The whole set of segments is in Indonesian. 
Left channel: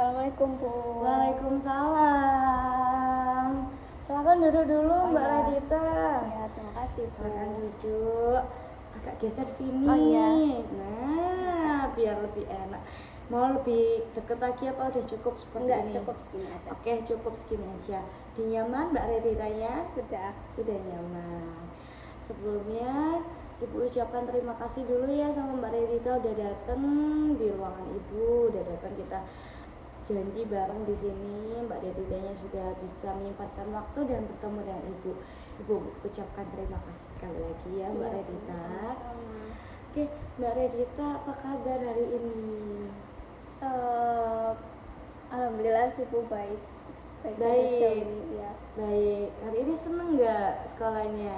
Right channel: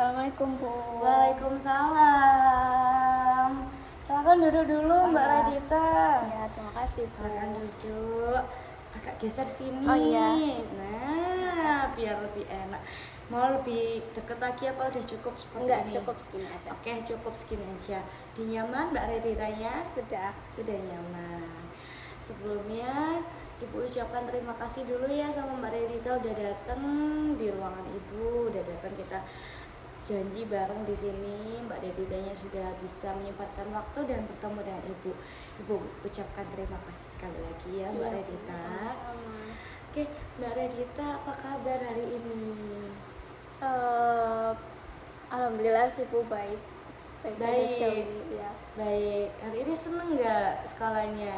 Assalamualaikum Bu. Waalaikumsalam. Silakan duduk dulu Mbak Radita. Ya, terima kasih Bu. Silakan duduk. Agak geser sini. Oh, iya. Nah, biar lebih enak. Mau lebih deket lagi apa udah cukup seperti Enggak, ini? cukup segini aja. Oke, cukup segini aja. Nyaman Mbak Raditanya? Sudah Nyaman. Sebelumnya Ibu ucapkan terima kasih dulu ya sama Mbak Radita udah datang di ruangan Ibu, udah datang kita janji bareng di sini. Mbak Raditanya sudah bisa menyempatkan waktu dan bertemu dengan Ibu. Ibu ucapkan terima kasih sekali lagi ya Mbak Radita. Sama-sama. Oke, Mbak Radita apa kabar hari ini? Alhamdulillah sih Bu, baik. Baik. Baik. Ya. Baik. Hari ini seneng nggak sekolahnya?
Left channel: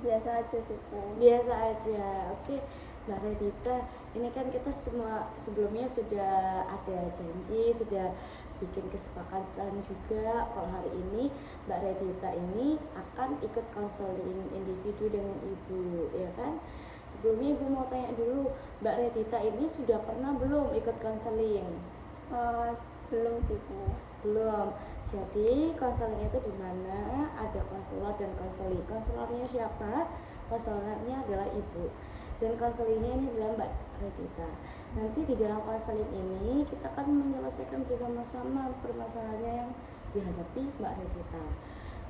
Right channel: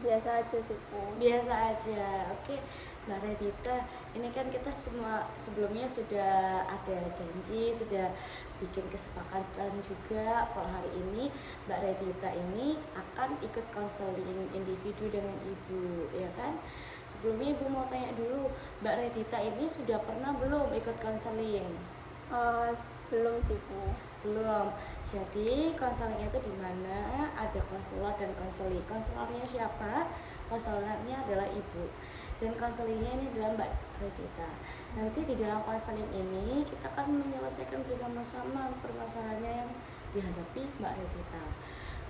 Biasa aja sih Bu. Biasa aja. Oke, Mbak Radita, ini kan kita semua sebelumnya sudah ada janji, sudah bikin kesepakatan juga kalau hari ini Mbak Radita ini akan ikut konseling individu dengan Ibu, ya kan? Sebelumnya Ibu mau tanya dulu, Mbak Radita ini sudah pernah belum ikut konseling? Belum sih Bu. Belum. Jadi konseling itu di mana ada konselor dan konseli. Konselornya siapa? Konselornya adalah Ibu. Dan konselingnya ini adalah Mbak Radita. Nanti di dalam konseling ini kita akan menyelesaikan bersama-sama permasalahannya yang dihadapi Mbak Radita.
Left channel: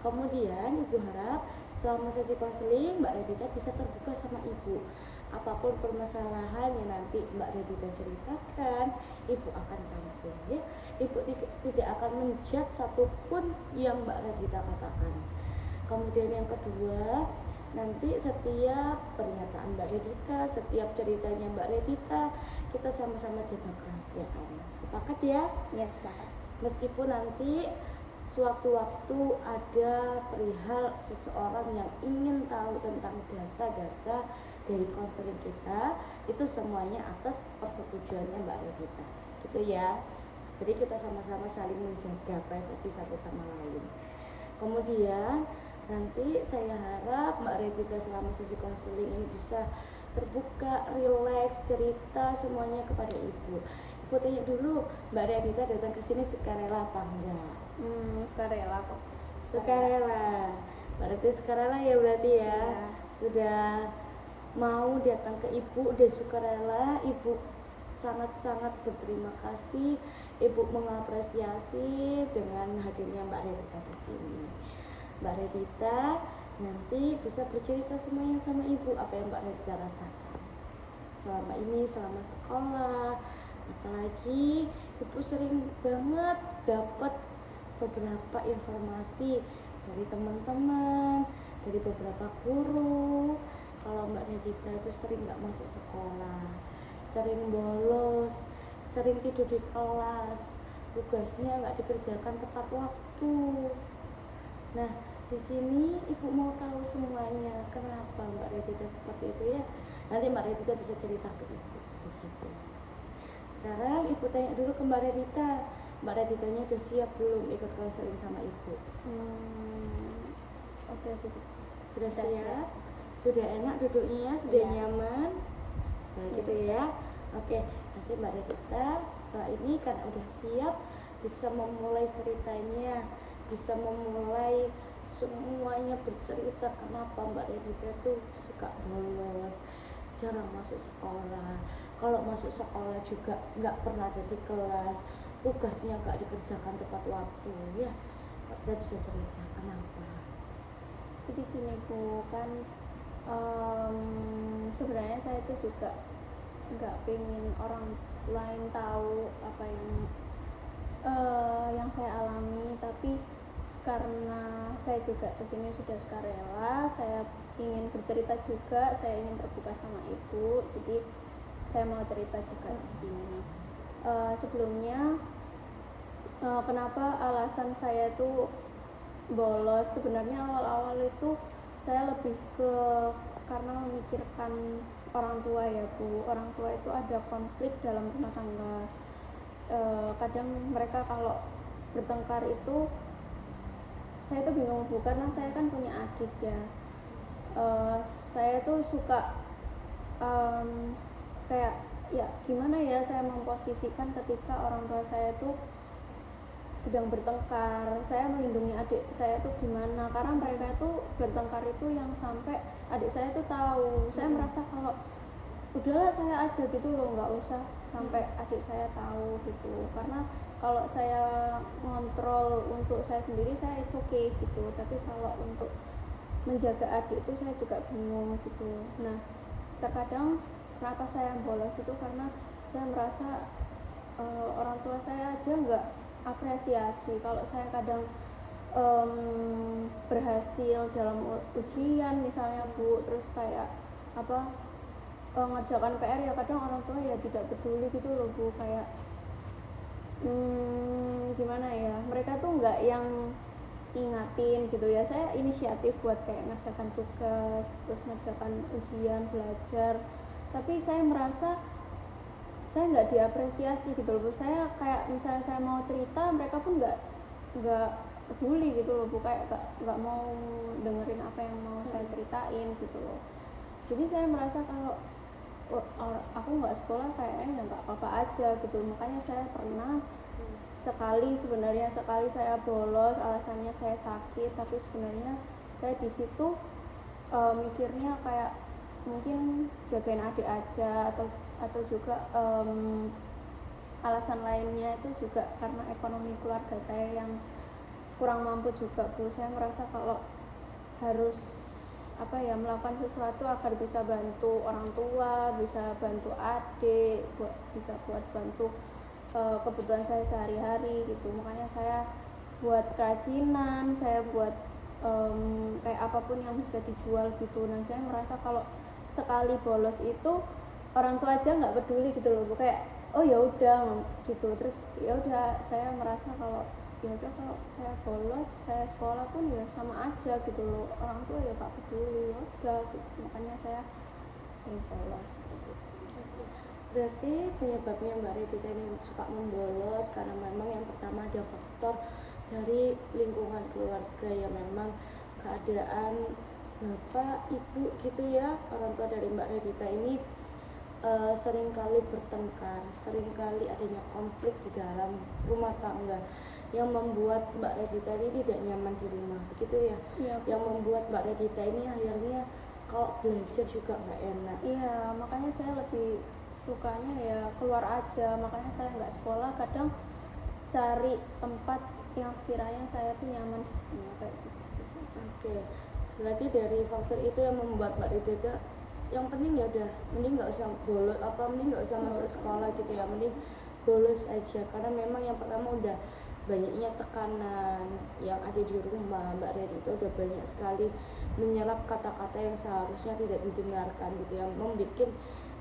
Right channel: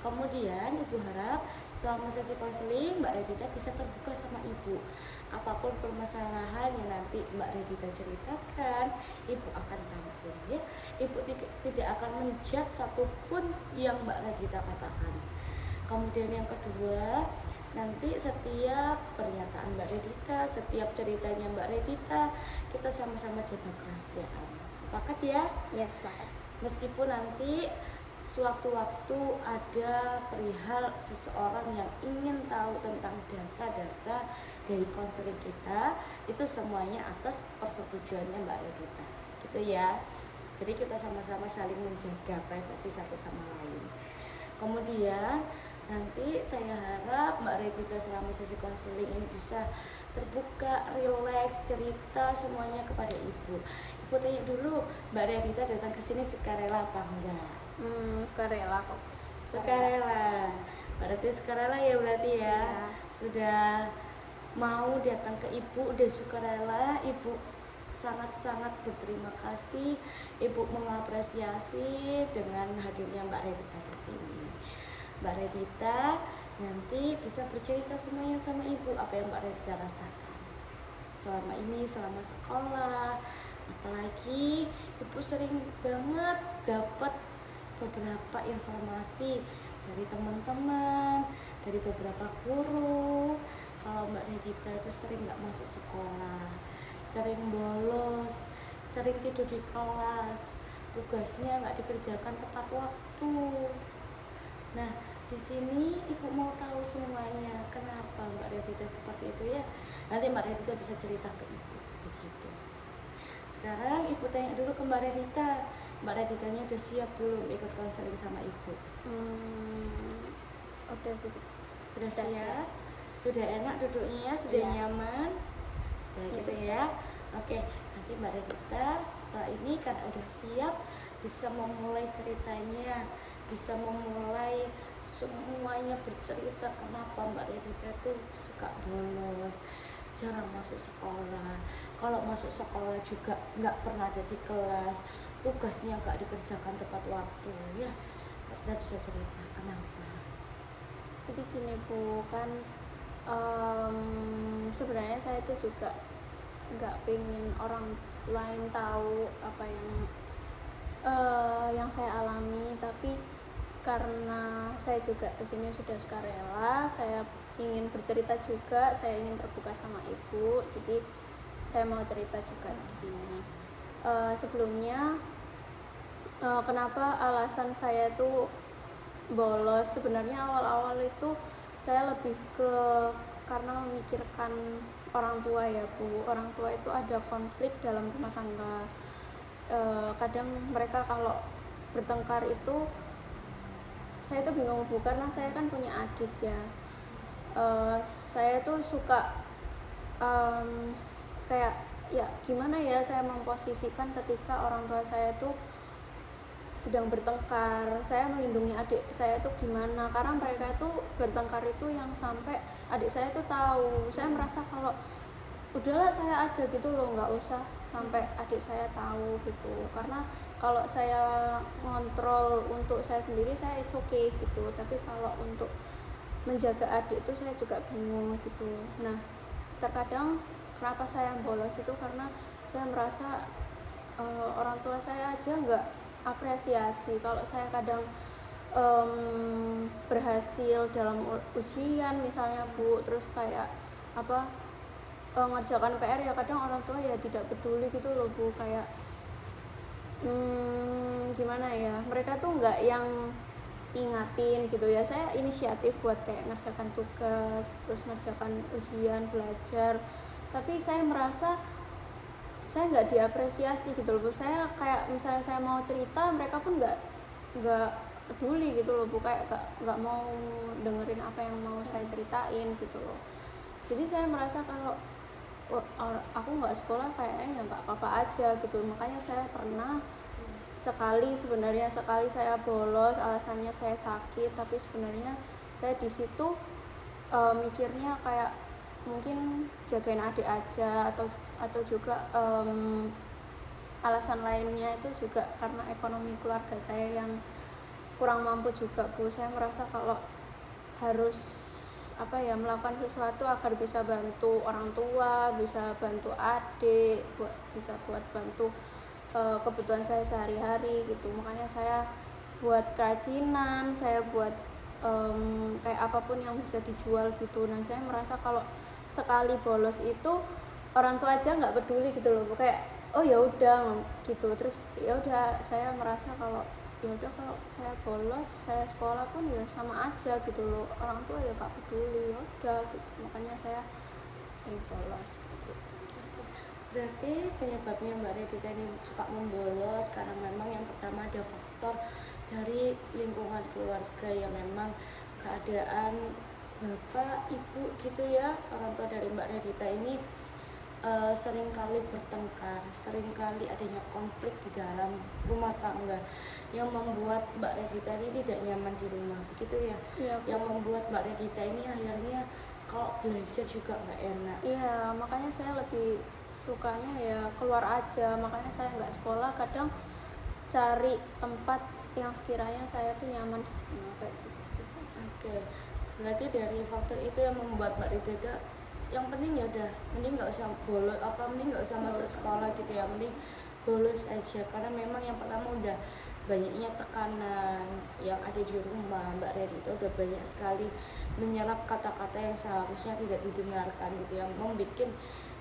Kemudian Ibu harap selama sesi konseling Mbak Radita bisa terbuka sama Ibu. Apapun permasalahan yang nanti Mbak Radita ceritakan, Ibu akan tampung ya. Ibu tidak akan menjudge satupun yang Mbak Radita katakan. Kemudian yang kedua, nanti setiap pernyataan Mbak Radita, setiap ceritanya Mbak Radita, kita sama-sama jaga kerahasiaan. Sepakat ya? Ya, sepakat. Meskipun nanti sewaktu-waktu ada perihal seseorang yang ingin tahu tentang data-data dari konseling kita, itu semuanya atas persetujuannya Mbak Radita, gitu ya. Jadi kita sama-sama saling menjaga privasi satu sama lain. Kemudian nanti saya harap Mbak Radita selama sesi konseling ini bisa terbuka, rileks, cerita semuanya kepada Ibu. Ibu tanya dulu, Mbak Radita datang ke sini sukarela apa enggak? Sukarela kok. Sukarela. Berarti sukarela ya berarti ya. Sudah mau datang ke Ibu, udah sukarela. Ibu sangat-sangat berterima kasih. Ibu mengapresiasi dengan hadirnya Mbak Radita di sini. Mbak Radita nanti bisa bercerita semuanya sama Ibu apa yang Mbak Radita rasakan selama ini, selama sekolah. Apalagi Ibu sering banget dapat beberapa informasi dari teman-teman, dari beberapa guru kalau Mbak Radita itu sering nggak masuk sekolah, sering bolos, sering tidur di kelas, tugasnya nggak dikerjakan tepat waktu. Nah, di sini Ibu mau tahu semuanya kenapa Mbak Radita seperti itu ya. Nanti Mbak Radita bisa cerita ke Ibu begitu. Sekarang Ibu tanya dulu ke Mbak Radita. Mbak Raditanya udah siap belum ikut konseling sama Ibu? Oke sih. Sudah siap? Sudah enak duduknya? Sudah nyaman? Kayak gitu ya. Oke, nanti Mbak Radita setelah ini karena udah siap bisa memulai ceritanya, bisa memulai semuanya bercerita kenapa Mbak Radita tuh suka bolos, jarang masuk sekolah. Kalau masuk sekolah juga nggak pernah ada di kelas, tugasnya nggak dikerjakan tepat waktu ya. Kita bisa cerita kenapa. Jadi gini Bu, kan sebenarnya saya itu juga nggak pengen orang lain tahu apa yang saya alami, tapi karena saya juga kesini sudah sukarela, saya ingin bercerita juga, saya ingin terbuka sama Ibu, jadi saya mau cerita juga di sini. Sebelumnya kenapa alasan saya tuh bolos, sebenarnya awal-awal itu saya lebih ke karena memikirkan orang tua ya Bu. Orang tua itu ada konflik dalam rumah tangga. Kadang mereka kalau bertengkar itu saya tuh bingung Bu, karena saya kan punya adik ya. Saya tuh suka kayak ya gimana ya saya memposisikan ketika orang tua saya itu sedang bertengkar, saya melindungi adik saya itu gimana, karena mereka itu bertengkar itu yang sampai adik saya itu tahu. Saya merasa kalau udahlah saya aja gitu loh, nggak usah sampai adik saya tahu gitu, karena kalau saya ngontrol untuk saya sendiri saya it's okay gitu, tapi kalau untuk menjaga adik itu saya juga bingung gitu. Nah, terkadang kenapa saya bolos itu karena saya merasa orang tua saya aja nggak apresiasi kalau saya kadang berhasil dalam ujian misalnya Bu, terus kayak apa ngerjakan PR ya kadang orang tua ya tidak peduli gitu loh Bu, kayak gimana ya, mereka tuh nggak yang ingatin gitu ya, saya inisiatif buat kayak ngerjakan tugas, terus ngerjakan ujian, belajar, tapi saya merasa saya nggak diapresiasi gitu loh Bu. Saya kayak misalnya saya mau cerita, mereka pun nggak peduli gitu loh Bu, kayak nggak mau dengerin apa yang mau saya ceritain gitu loh. Jadi saya merasa kalau aku nggak sekolah kayaknya ya nggak apa-apa aja gitu. Makanya saya pernah sekali saya bolos, alasannya saya sakit, tapi sebenarnya saya di situ mikirnya kayak mungkin jagain adik aja, atau juga alasan lainnya itu juga karena ekonomi keluarga saya yang kurang mampu juga Bu. Saya merasa kalau harus melakukan sesuatu agar bisa bantu orang tua, bisa bantu adik, bisa buat bantu kebutuhan saya sehari-hari gitu. Makanya saya buat kerajinan, saya buat kayak apapun yang bisa dijual gitu. Dan saya merasa kalau sekali bolos itu orang tua aja nggak peduli gitu loh Bu, kayak oh ya udah gitu. Terus ya udah saya merasa kalau ya udah kalau saya bolos, saya sekolah pun ya sama aja gitu loh, orang tua ya gak peduli, ya udah gitu. Makanya saya sering bolos gitu. Berarti penyebabnya Mbak Redita ini suka membolos karena memang yang pertama ada faktor dari lingkungan keluarga yang memang keadaan bapak, ibu gitu ya, orang tua dari Mbak Redita ini seringkali bertengkar, seringkali adanya konflik di dalam rumah tangga yang membuat Mbak Redita ini tidak nyaman di rumah, begitu ya? Iya, yang membuat Mbak Redita ini akhirnya kalau belajar juga nggak enak. Iya, makanya saya lebih sukanya ya keluar aja. Makanya saya nggak sekolah, kadang cari tempat yang sekiranya saya tuh nyaman di sana kayak gitu. Oke, berarti dari faktor itu yang membuat Mbak Redita yang penting ya udah, mending nggak usah bolos, mending nggak usah masuk sekolah gitu ya, mending bolos aja, karena memang yang pertama udah banyaknya tekanan yang ada di rumah. Mbak Redita udah banyak sekali menyerap kata-kata yang seharusnya tidak didengarkan gitu ya, membuat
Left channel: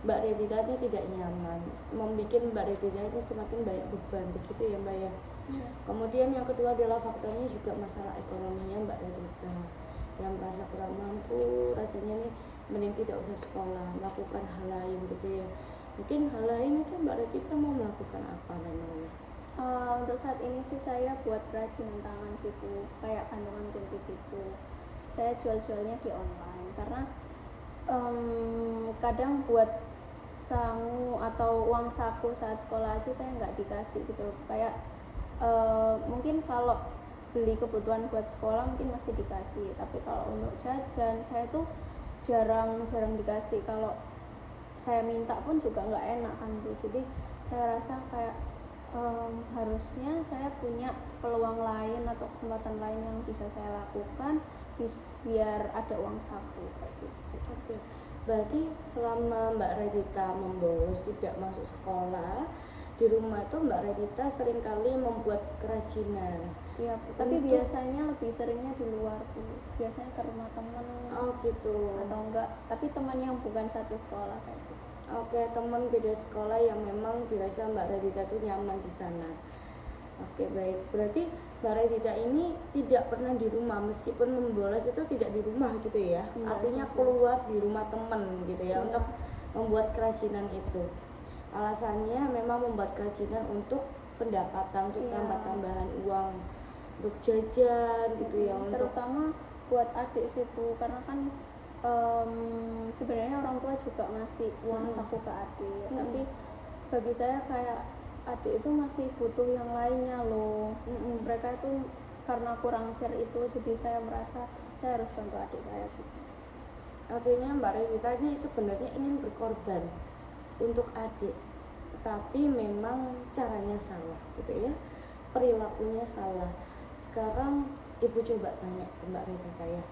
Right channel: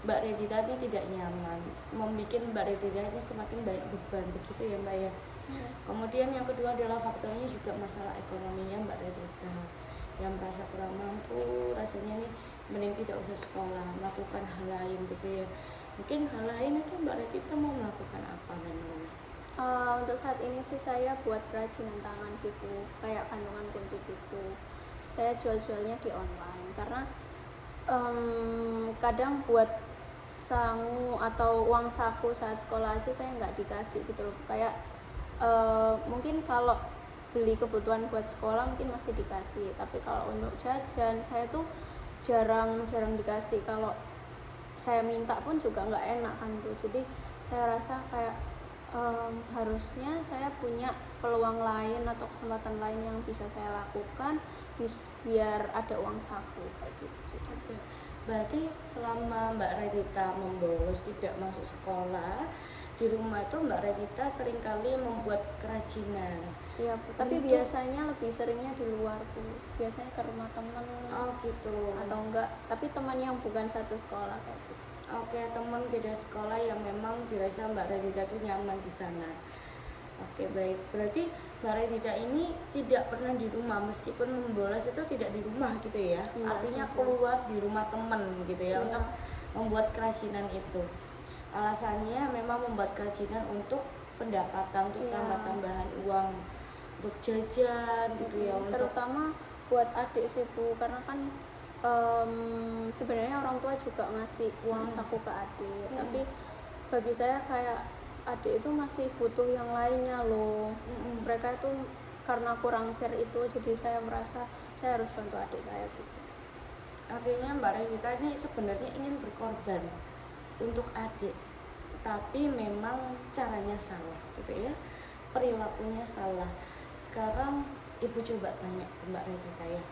Mbak Redita ini tidak nyaman, membuat Mbak Redita ini semakin banyak beban, begitu ya Mbak ya. Kemudian yang kedua adalah faktornya juga masalah ekonominya Mbak Redita, yang merasa kurang mampu, rasanya nih mending tidak usah sekolah, melakukan hal lain gitu ya. Mungkin hal lain itu Mbak Redita mau melakukan apa memangnya? Untuk saat ini sih saya buat kerajinan tangan sih Bu, kayak gantungan kunci gitu. Saya jual-jualnya di online karena kadang buat sangu atau uang saku saat sekolah aja saya nggak dikasih gitu loh. Kayak mungkin kalau beli kebutuhan buat sekolah mungkin masih dikasih, tapi kalau untuk jajan saya tuh jarang dikasih. Kalau saya minta pun juga nggak enak kan Bu. Jadi saya rasa kayak harusnya saya punya peluang lain atau kesempatan lain yang bisa saya lakukan biar ada uang saku kayak gitu. Oke, berarti selama Mbak Redita membolos tidak masuk sekolah, di rumah itu Mbak Redita seringkali membuat kerajinan. Iya Bu, tapi biasanya lebih seringnya di luar Bu, biasanya ke rumah teman. Oh gitu. Atau enggak, tapi teman yang bukan satu sekolah kayak gitu. Oke, teman beda sekolah yang memang dirasa Mbak Redita itu nyaman di sana. Oke, baik. Berarti Mbak Redita ini tidak pernah di rumah, meskipun membolos itu tidak di rumah gitu ya. Artinya keluar di rumah teman gitu ya, untuk membuat kerajinan itu. Alasannya memang membuat kerajinan untuk pendapatan, untuk tambah-tambahan uang, untuk jajan gitu ya, untuk terutama buat adik sih Bu, karena kan sebenarnya orang tua juga ngasih uang saku ke adik, tapi bagi saya kayak adik itu masih butuh yang lainnya loh. Mereka itu karena kurang care itu, jadi saya merasa saya harus bantu adik saya gitu. Artinya Mbak Revita ini sebenarnya ingin berkorban untuk adik, tetapi memang caranya salah gitu ya, perilakunya salah. Sekarang Ibu coba tanya ke Mbak Revita ya,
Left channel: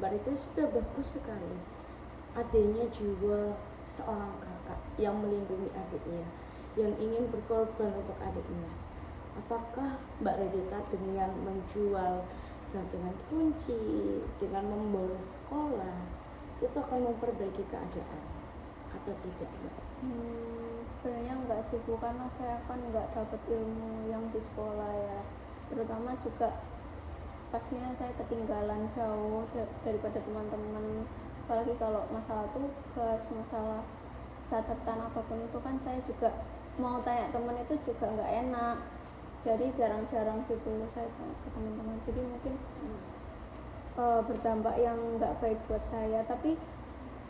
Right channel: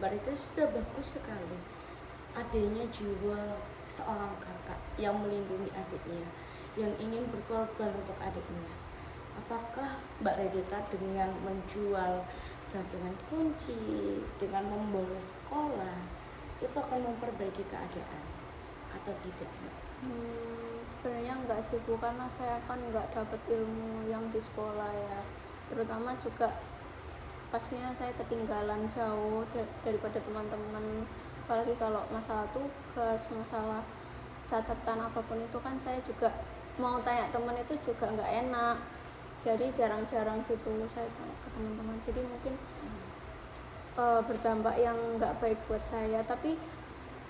Mbak Revita sudah bagus sekali, adiknya jiwa seorang kakak yang melindungi adiknya, yang ingin berkorban untuk adiknya. Apakah Mbak Revita dengan menjual gantungan kunci, dengan membolos sekolah, itu akan memperbaiki keadaan atau tidak, Mbak? Sebenarnya enggak sih Bu, karena saya kan enggak dapat ilmu yang di sekolah ya, terutama juga pastinya saya ketinggalan jauh daripada teman-teman, apalagi kalau masalah tugas, masalah catatan apapun itu kan saya juga mau tanya teman itu juga nggak enak, jadi jarang-jarang gitu saya tanya ke teman-teman, jadi mungkin berdampak yang nggak baik buat saya. Tapi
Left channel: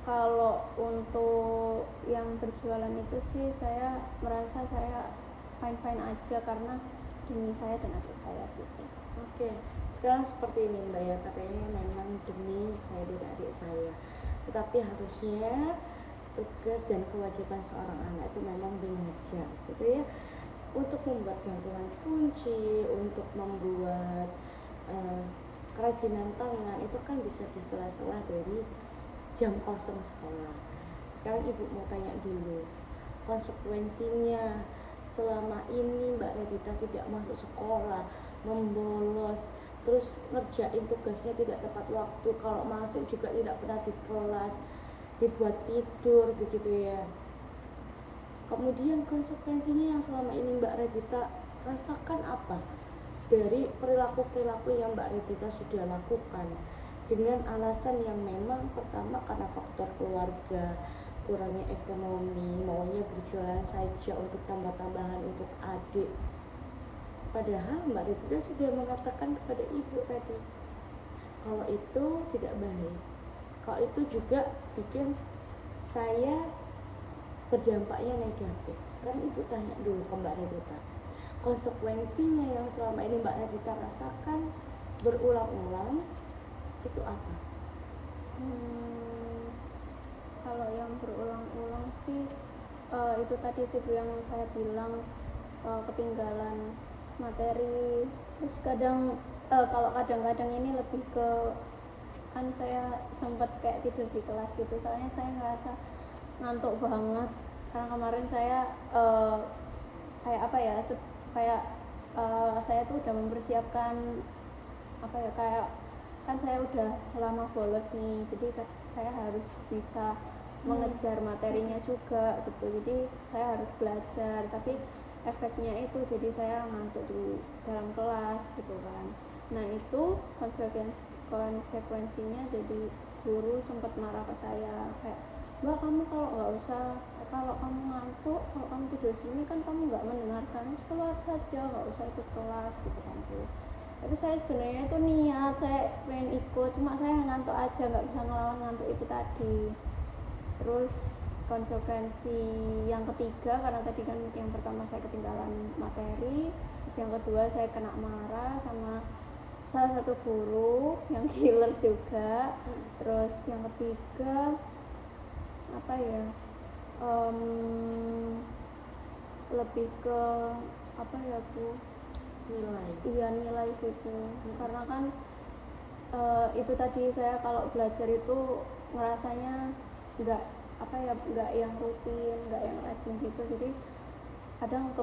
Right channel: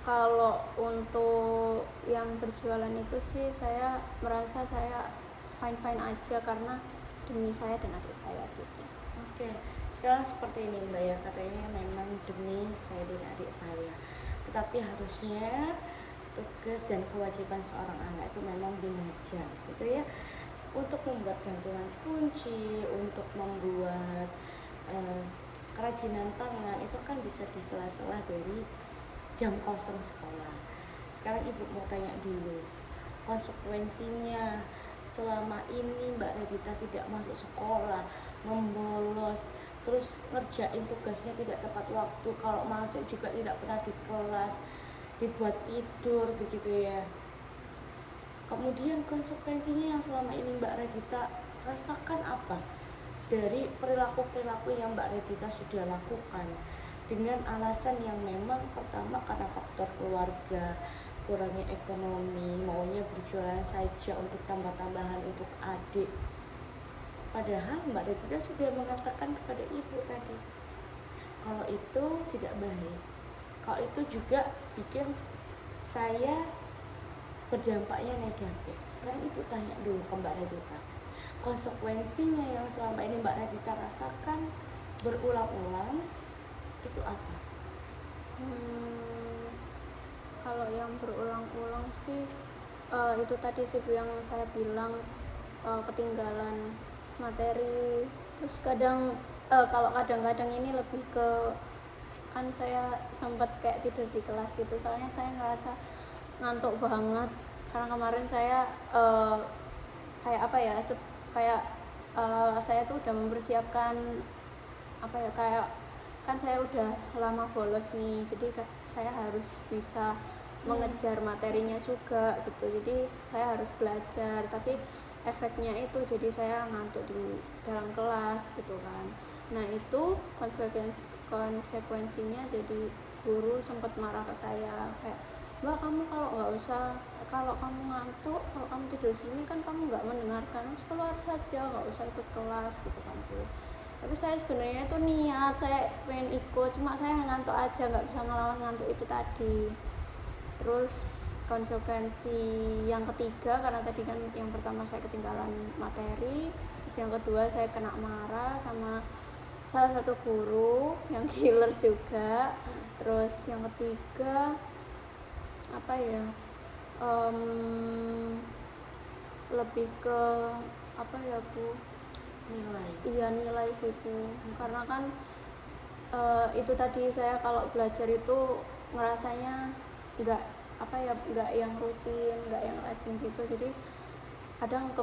kalau untuk yang berjualan itu sih saya merasa saya fine-fine aja karena demi saya dan adik saya gitu. Oke, sekarang seperti ini Mbak ya, katanya memang demi saya dan adik saya, tetapi harusnya tugas dan kewajiban seorang anak itu memang belajar gitu ya, untuk membuat gantungan kunci, untuk membuat kerajinan tangan, itu kan bisa di sela-sela dari jam kosong sekolah. Sekarang Ibu mau tanya dulu, konsekuensinya selama ini Mbak Revita tidak masuk sekolah, membolos, terus ngerjain tugasnya tidak tepat waktu, kalau masuk juga tidak pernah di kelas, dibuat tidur begitu ya. Kemudian konsekuensinya yang selama ini Mbak Revita rasakan apa dari perilaku-perilaku yang Mbak Revita sudah lakukan, dengan alasan yang memang pertama karena faktor keluarga, kurangnya ekonomi, maunya berjualan saja untuk tambah-tambahan untuk adik. Padahal Mbak Revita sudah mengatakan kepada Ibu tadi kalau itu tidak baik, kalau itu juga bikin saya berdampaknya negatif. Sekarang Ibu tanya dulu ke Mbak Revita, konsekuensinya yang selama ini Mbak Revita rasakan berulang-ulang itu apa? Kalau yang berulang-ulang sih itu tadi sih yang saya bilang, ketinggalan materi, terus kadang kalau kadang-kadang ini lebih ke, kan saya sempat kayak tidur di kelas gitu, soalnya saya ngerasa ngantuk banget karena kemarin saya kayak apa ya, kayak saya tuh udah mempersiapkan apa ya, kayak kan saya udah lama bolos nih, jadi saya harus bisa mengejar materinya juga gitu, jadi saya harus belajar, tapi efeknya itu jadi saya ngantuk di dalam kelas gitu kan. Nah itu konsekuensinya jadi guru sempat marah ke saya, kayak Mbak, kamu kalau kamu ngantuk, kalau kamu tidur sini kan kamu nggak mendengarkan, terus keluar saja, nggak usah ikut kelas gitu kan Bu. Tapi saya sebenarnya itu niat, saya pengen ikut, cuma saya ngantuk aja, nggak bisa ngelawan ngantuk itu tadi. Terus konsekuensi yang ketiga, karena tadi kan yang pertama saya ketinggalan materi, terus yang kedua saya kena marah sama salah satu guru yang killer juga. Terus yang ketiga apa ya, lebih ke apa ya Bu, nilai sih Bu. Karena kan itu tadi saya kalau belajar itu ngerasanya nggak apa ya, nggak yang rutin, nggak yang rajin gitu, jadi kadang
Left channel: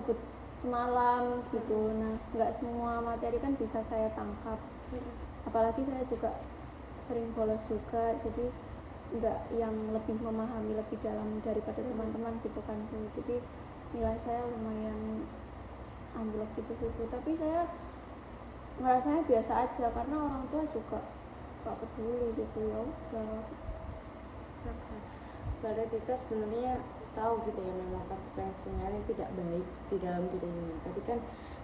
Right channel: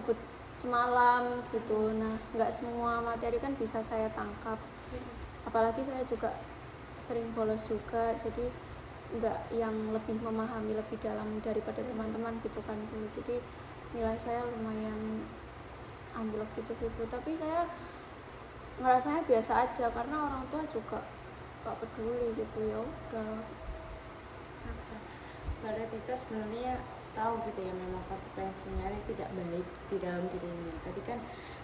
semalam gitu. Nah nggak semua materi kan bisa saya tangkap, apalagi saya juga sering bolos juga, jadi nggak yang lebih memahami lebih dalam daripada teman-teman gitu kan Bu. Jadi nilai saya lumayan anjlok gitu sih Bu, tapi saya ngerasanya biasa aja karena orang tua juga gak peduli gitu, ya udah. Mbak Revita sebenarnya tahu gitu ya memang konsekuensinya ini tidak baik di dalam dirinya. Tadi kan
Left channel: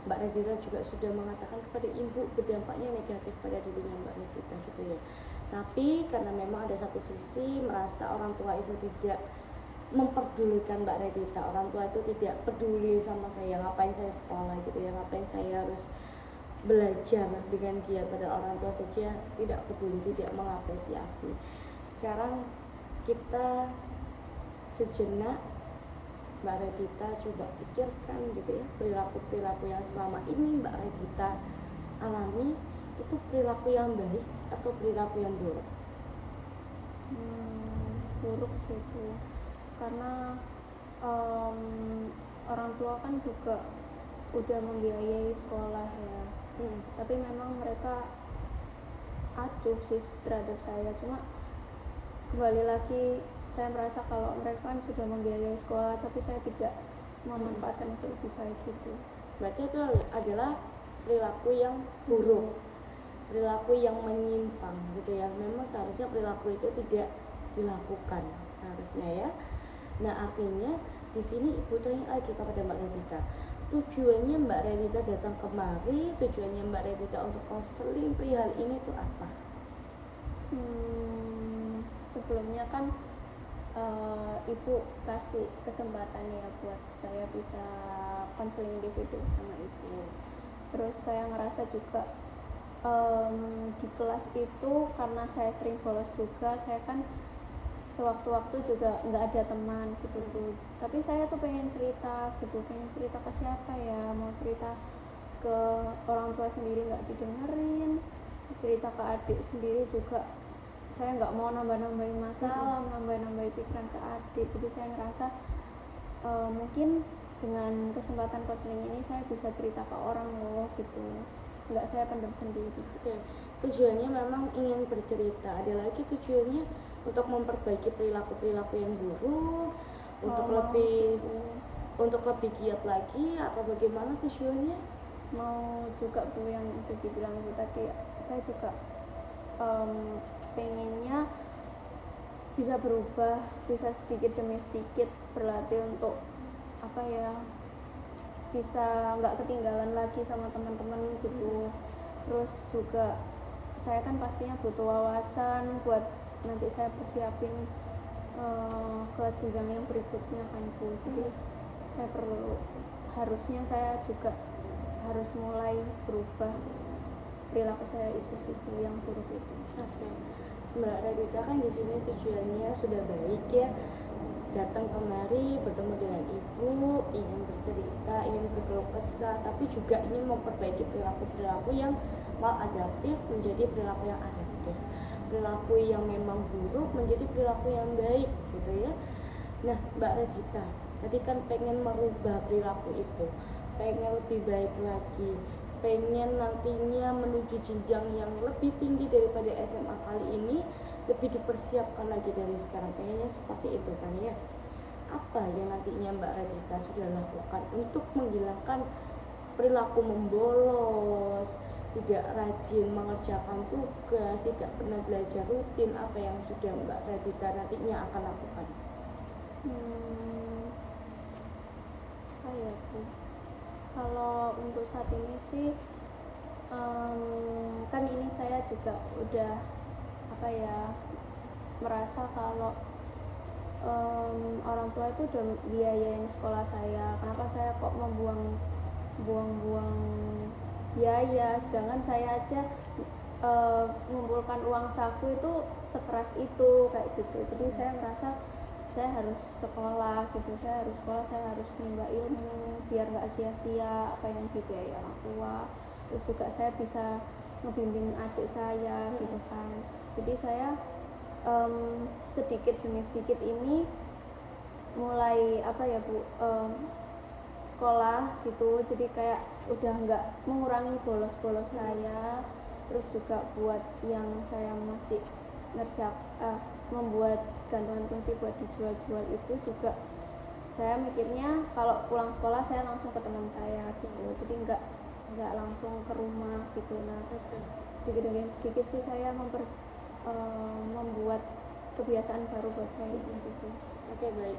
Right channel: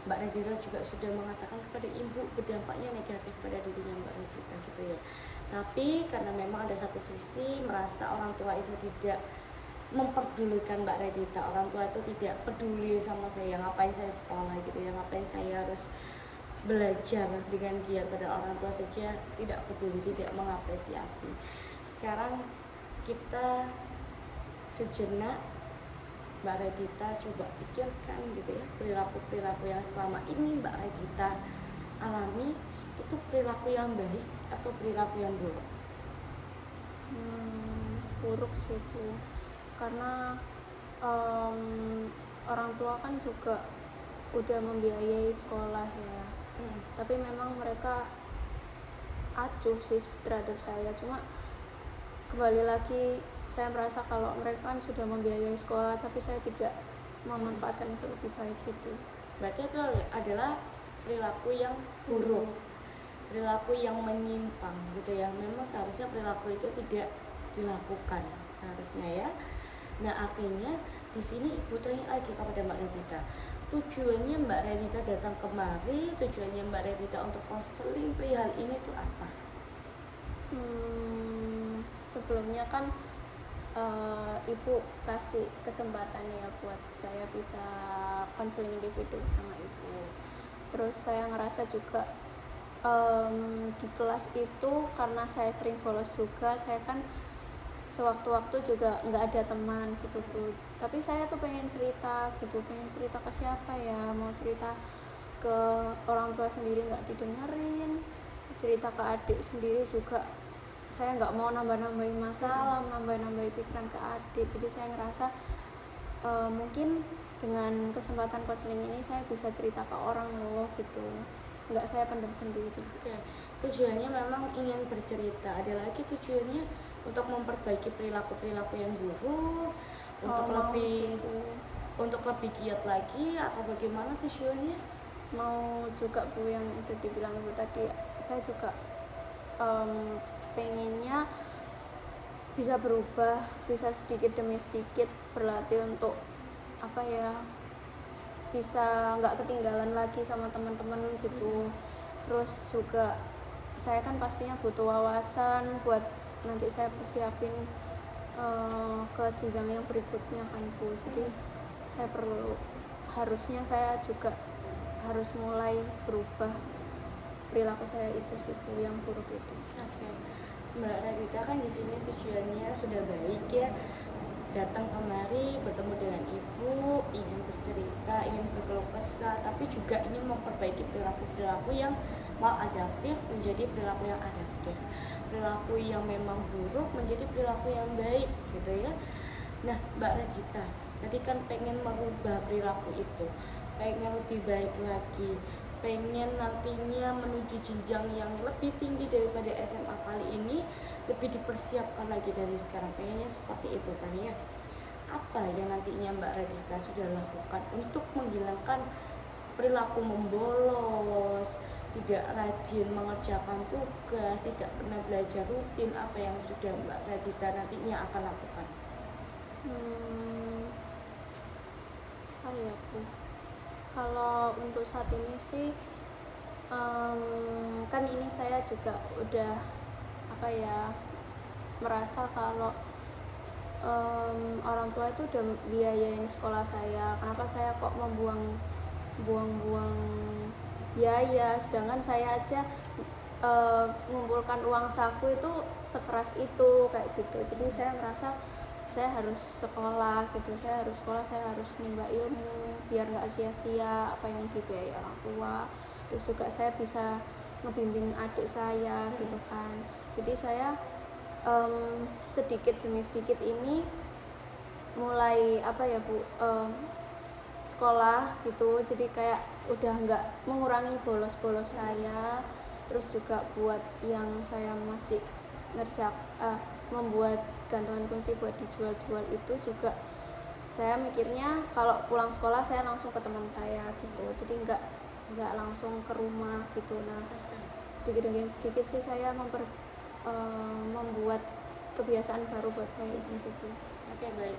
Mbak Radita juga sudah mengatakan kepada ibu berdampaknya negatif pada dirinya Mbak Radita gitu ya. Tapi karena memang ada satu sisi merasa orang tua itu tidak memperdulikan Mbak Radita, orang tua itu tidak peduli sama saya, ngapain saya sekolah gitu ya, ngapain saya harus belajar dengan giat, pada orang tua saja tidak peduli, tidak mengapresiasi. Sekarang kita sejenak Mbak Radita coba pikirkan gitu ya, perilaku-perilaku yang selama ini Mbak Radita alami itu perilaku yang baik atau perilaku yang buruk? Buruk sih Bu, karena orang tua kan juga udah membiayai sekolah ya, tapi memang mereka acuh sih terhadap saya. Cuma kembali lagi saya merasa kalau mereka kan sudah membiayai sekolah tapi saya tidak memanfaatkan itu lebih baik gitu. Berarti itu adalah perilaku yang buruk, perilaku yang menyimpang gitu ya. Memang seharusnya perilaku itu tidak dilakukan seharusnya ya. Nah artinya di sini ibu tanya lagi kepada Mbak Radita, tujuannya Mbak Radita datang kemari, tujuannya Mbak Radita untuk konseling perihal ini tuh apa? Sebelumnya kan ibu kasih kesempatan ya buat saya bisa konseling individu sama ibu. Terus saya ngerasa juga di kelas itu karena saya sering bolos juga, saya kan sewaktu-waktu juga nggak ada teman gitu Bu. Tapi saya tuh pengen cerita gitu, pengen cerita ke siapa ya, mau cerita ke orang tua sendiri nggak didengerin, cerita ke adik sendiri juga saya nggak mau nambah-nambahin masalah, nambah-nambahin pikiran ke adik. Jadi saya ngerasa mungkin dengan kesempatan konseling ini saya bisa cerita ke orang loh gitu, nggak saya pendam sendiri. Oke, tujuannya memang ingin bercerita. Ada lagi tujuannya untuk memperbaiki perilaku-perilaku yang buruk, untuk lebih giat lagi, atau bagaimana tujuannya? Mau juga Bu, yang itu dibilang Bu tadi, saya juga pengennya bisa berubah, bisa sedikit demi sedikit berlatih untuk apa ya, bisa nggak ketinggalan lagi sama teman-teman gitu. Terus juga saya kan pastinya butuh wawasan buat nanti saya persiapin ke jenjang yang berikutnya kan Bu. Jadi saya harusnya saya juga harus mulai berubah perilaku saya itu sih Bu, yang buruk itu. Oke, Mbak Radita kan di sini tujuannya sudah baik ya, datang kemari bertemu dengan ibu, ingin bercerita, ingin berkeluh kesah, tapi juga ingin memperbaiki perilaku-perilaku yang maladaptif menjadi perilaku yang adaptif, perilaku yang memang buruk menjadi perilaku yang baik gitu ya. Nah Mbak Radita tadi kan pengen merubah perilaku itu, pengen lebih baik lagi, pengen nantinya menuju jenjang yang lebih tinggi daripada SMA kali ini, lebih dipersiapkan lagi dari sekarang, pengennya seperti itu kan ya. Apa yang nantinya Mbak Radita sudah lakukan untuk menghilangkan perilaku membolos, tidak rajin mengerjakan tugas, tidak pernah belajar rutin? Apa yang sudah Mbak Radita nantinya akan lakukan? Apa ya Bu, kalau untuk saat ini sih kan ini saya juga udah apa ya, merasa kalau orang tua itu udah biayain sekolah saya, kenapa saya kok buang-buang biaya, sedangkan saya aja mengumpulkan uang saku itu sekeras itu kayak gitu. Jadi saya merasa saya harus sekolah gitu, saya harus sekolah, saya harus menimba ilmu biar nggak sia-sia apa yang dibiayai orang tua. Terus juga saya bisa ngebimbing adik saya gitu kan. Jadi saya sedikit demi sedikit ini mulai apa ya Bu, sekolah gitu, jadi kayak udah nggak mengurangi bolos-bolos saya. Terus juga buat yang saya masih membuat gantungan kunci buat dijual-jual itu juga saya mikirnya kalau pulang sekolah saya langsung ke teman saya gitu, jadi nggak langsung ke rumah gitu. Nah sedikit demi sedikit sih saya membuat kebiasaan baru buat saya itu sih. Oke, baik.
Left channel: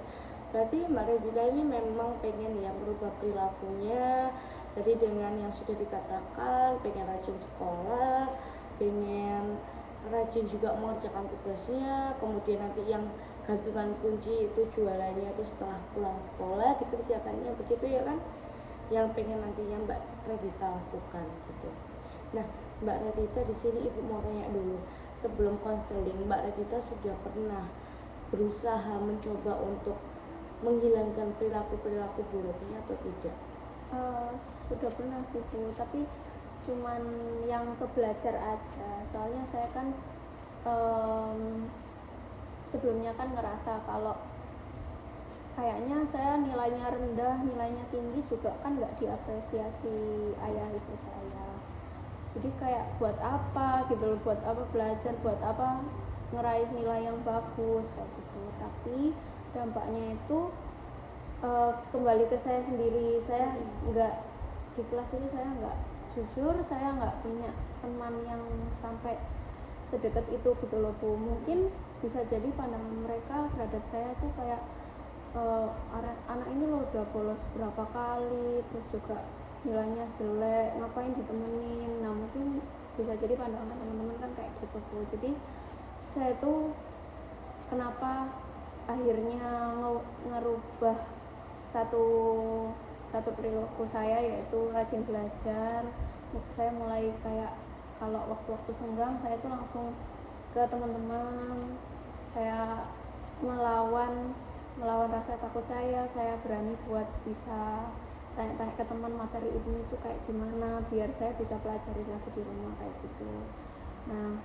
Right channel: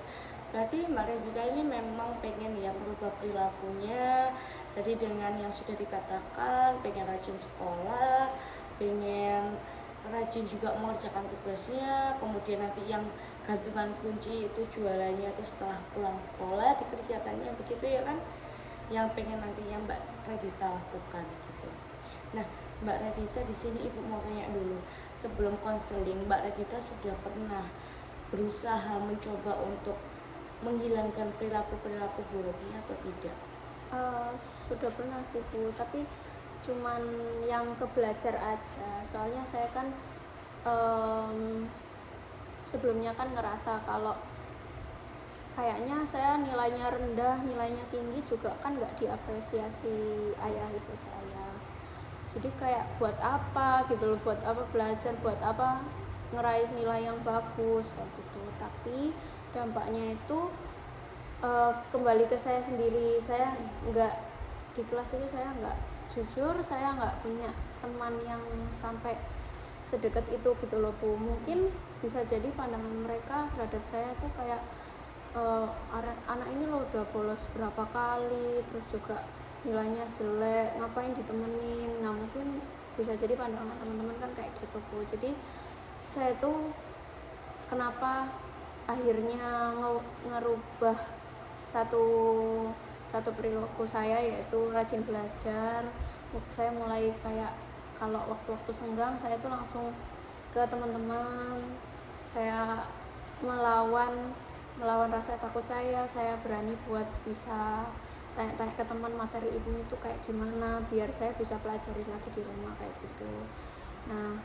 Berarti Mbak Redita ini memang pengen ya merubah perilakunya. Tadi dengan yang sudah dikatakan, pengen rajin sekolah, pengen rajin juga mengerjakan tugasnya, kemudian nanti yang gantungan kunci itu jualannya itu setelah pulang sekolah dikerjakannya, begitu ya kan? Yang pengen nantinya Mbak Redita lakukan gitu. Nah, Mbak Redita di sini Ibu mau tanya dulu, sebelum konseling Mbak Redita sudah pernah berusaha mencoba untuk menghilangkan perilaku-perilaku buruknya atau tidak? Sudah pernah sih Bu, tapi cuman yang ke belajar aja. Soalnya saya kan sebelumnya kan ngerasa kalau kayaknya saya nilainya rendah, nilainya tinggi juga kan nggak diapresiasi ayah ibu saya. Jadi kayak buat apa gitu loh, buat apa belajar, buat apa ngeraih nilai yang bagus kayak gitu. Tapi dampaknya itu kembali ke saya sendiri. Saya nggak di kelas itu, saya nggak jujur, saya nggak punya teman yang sampai sedekat itu gitu loh Bu. Mungkin bisa jadi pandangan mereka terhadap saya itu kayak anak ini loh udah bolos berapa kali, terus juga nilainya jelek, ngapain ditemenin. Nah mungkin bisa jadi pandangan teman-teman kan kayak gitu Bu. Jadi saya tuh kenapa akhirnya ngerubah satu perilaku saya, yaitu rajin belajar. Saya mulai kayak kalau waktu-waktu senggang saya itu langsung ke teman-teman, saya melawan rasa takut saya berani buat bisa tanya-tanya ke teman materi ini tuh kayak gimana biar saya bisa pelajari lagi di rumah kayak gitu. Nah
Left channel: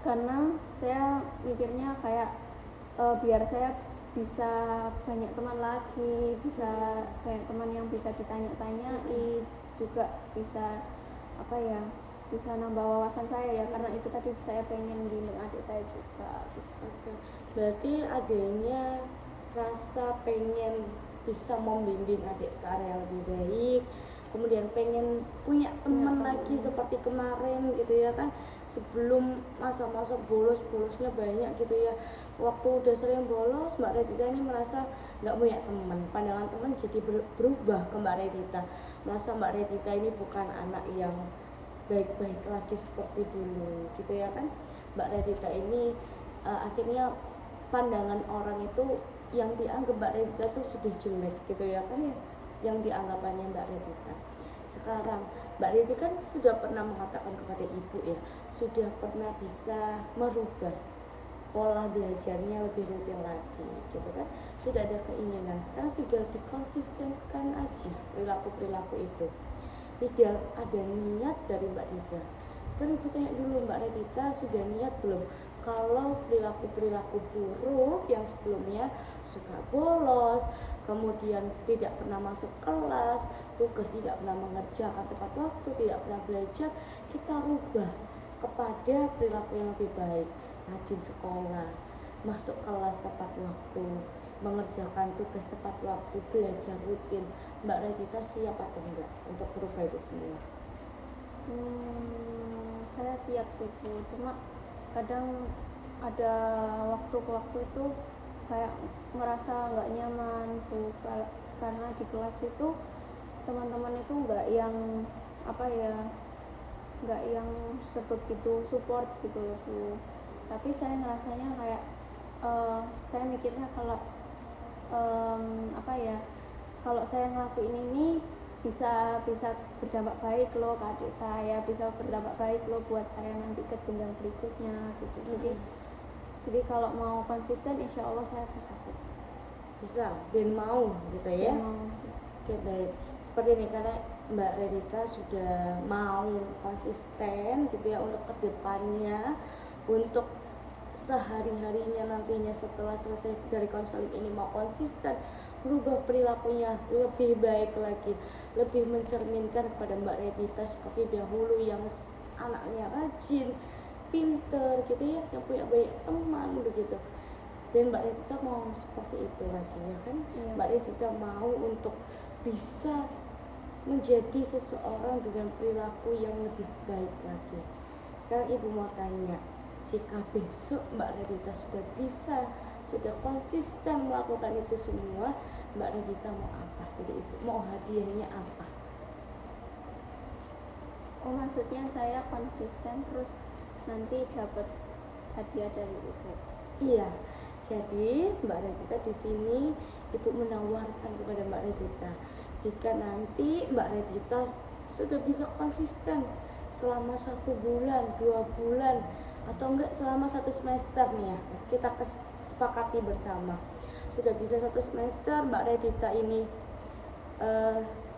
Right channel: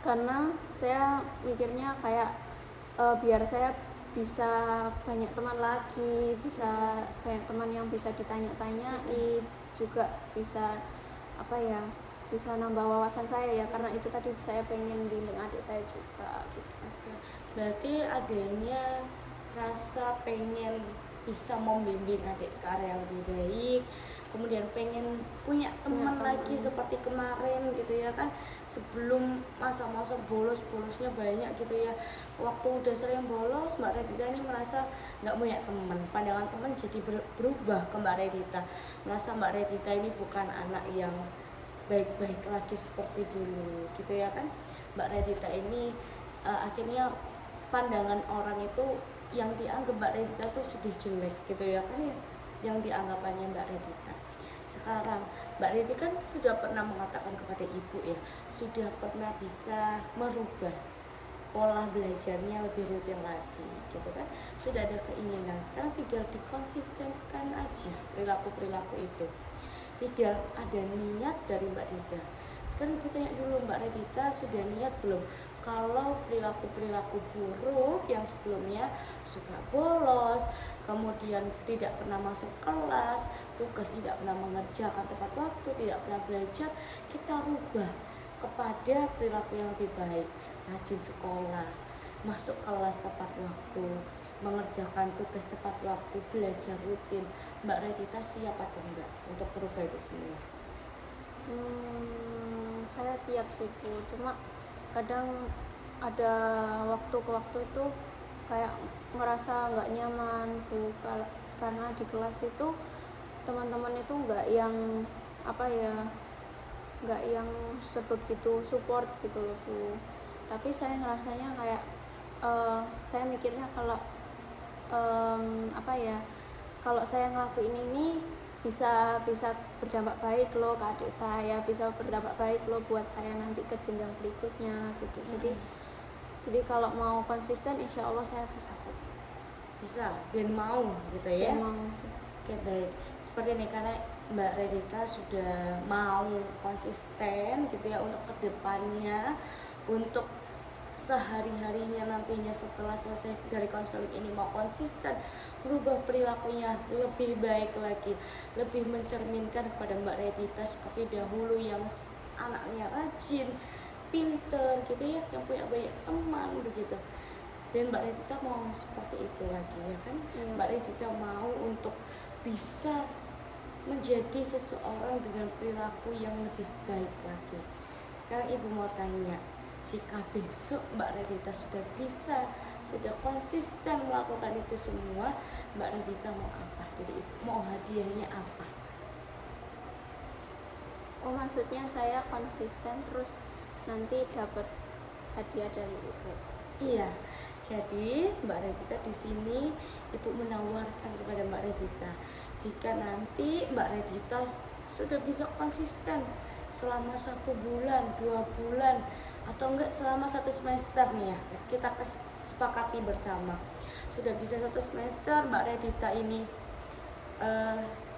karena saya mikirnya kayak biar saya bisa banyak teman lagi, bisa banyak teman yang bisa ditanya-tanyai, juga bisa apa ya, bisa nambah wawasan saya ya, karena itu tadi saya pengen bimbing adik saya juga gitu. Oke, berarti adanya rasa pengen bisa membimbing adik ke arah yang lebih baik, kemudian pengen punya teman lagi seperti kemarin gitu ya kan, sebelum masa-masa bolosnya banyak gitu ya. Waktu udah sering bolos, Mbak Redita ini merasa nggak punya teman, pandangan teman jadi berubah ke Mbak Redita, merasa Mbak Redita ini bukan anak yang baik-baik lagi seperti dulu gitu ya kan. Mbak Redita ini akhirnya pandangan orang itu yang dianggap Mbak Redita tuh sudah jelek gitu ya kan ya, yang dianggapannya Mbak Redita. Sekarang Mbak Redita kan sudah pernah mengatakan kepada ibu ya, sudah pernah bisa merubah pola belajarnya lebih rutin lagi gitu kan, sudah ada keinginan, sekarang tinggal dikonsistenkan aja perilaku-perilaku itu, tidak ada niat dari Mbak Dita. Sekarang ibu tanya dulu, Mbak Redita sudah niat belum kalau perilaku-perilaku buruk yang sebelumnya suka bolos, kemudian tidak pernah masuk kelas, tugas tidak pernah mengerjakan tepat waktu, tidak pernah belajar, kita rubah kepada perilaku yang lebih baik, rajin sekolah, masuk kelas tepat waktu, mengerjakan tugas tepat waktu, belajar rutin. Mbak Redita siap atau enggak untuk berubah itu semua? Saya siap sih Bu, cuma kadang ada waktu ke waktu itu kayak merasa nggak nyaman Bu, karena di kelas itu teman-teman itu nggak yang apa ya, nggak yang sebegitu support gitu loh Bu. Tapi saya ngerasanya kayak saya mikirnya kalau apa ya, kalau saya ngelakuin ini bisa berdampak baik loh ke adik saya, bisa berdampak baik loh buat saya nanti ke jenjang berikutnya gitu. Jadi kalau mau konsisten insya Allah saya bisa dan mau gitu ya. mau. Oke, baik, seperti ini karena Mbak Redita sudah mau konsisten gitu ya untuk kedepannya, untuk sehari-harinya nantinya setelah selesai dari konseling ini mau konsisten berubah perilakunya lebih baik lagi, lebih mencerminkan kepada Mbak Redita seperti dahulu yang anaknya rajin, pinter gitu ya, yang punya banyak teman begitu. Dan Mbak Redita mau seperti itu lagi ya kan. Mbak Redita mau untuk bisa menjadi seseorang dengan perilaku yang lebih baik lagi. Sekarang ibu mau tanya, jika besok Mbak Redita sudah bisa sudah konsisten melakukan itu semua, Mbak Radita mau apa dari ibu? Mau hadiahnya apa? Oh, maksudnya saya konsisten terus nanti dapat hadiah dari ibu. Iya, jadi Mbak Radita di sini ibu menawarkan kepada Mbak Radita, jika nanti Mbak Radita sudah bisa konsisten selama 1 bulan, 2 bulan, atau enggak selama 1 semester nih ya, kita sepakati bersama, sudah bisa 1 semester Mbak Radita ini